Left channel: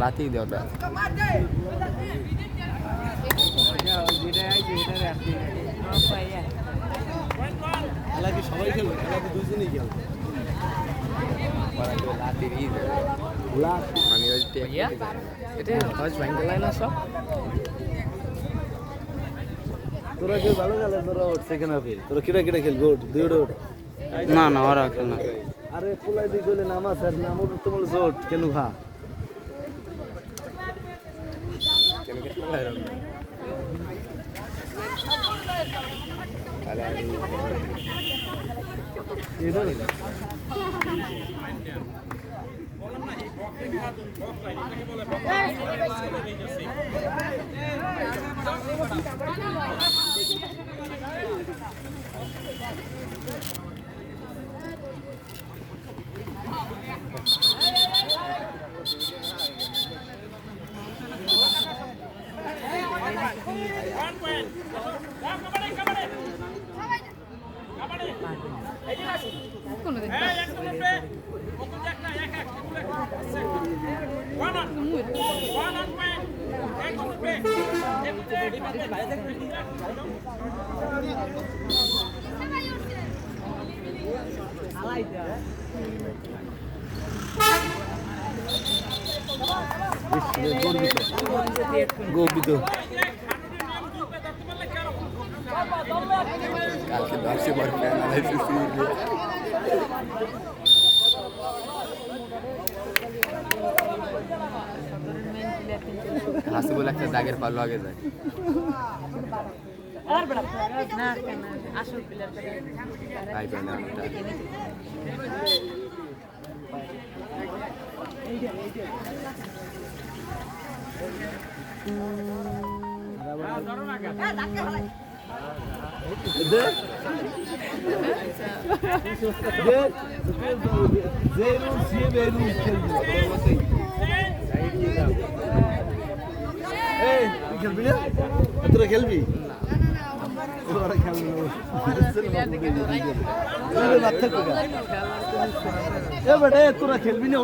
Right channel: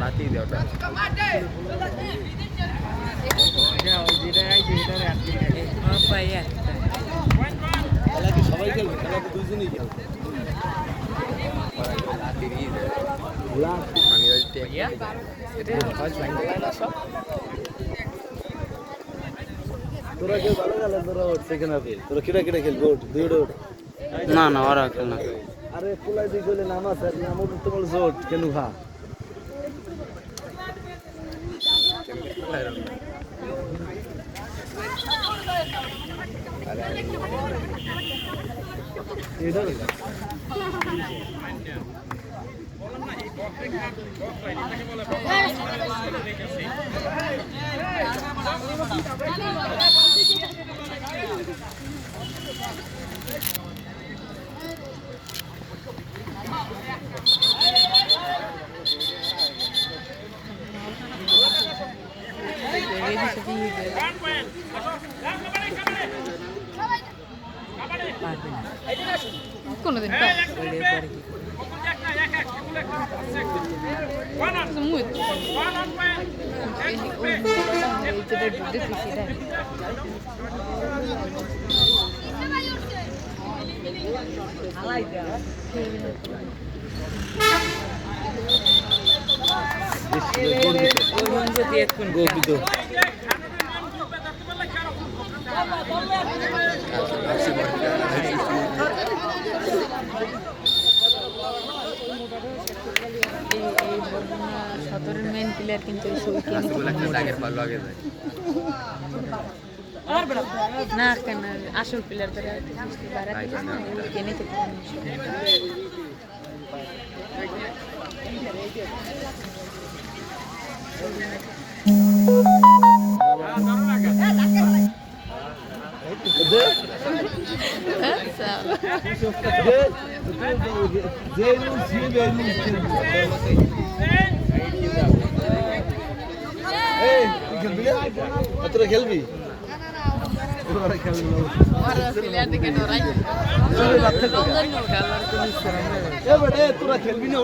লাতি দেওয়া সবাই খেলবে দুইজনই খেলবে তোরা কেউ ভালো গেলে তোরা ওঠ সেকেন্ড হাফে তোরা কিরা কিরা খেলবে ওঠ দুইটা ওঠ না না ওরা খেল না আরে পোলাই দিয়ে গেলে নামাজ আর নামাজ তো বলছো ওঠ কেন খা কোনদিন কিন্তু না কেন আসল প্লেয়ার তোরা খেলবি তোরা খেলবি না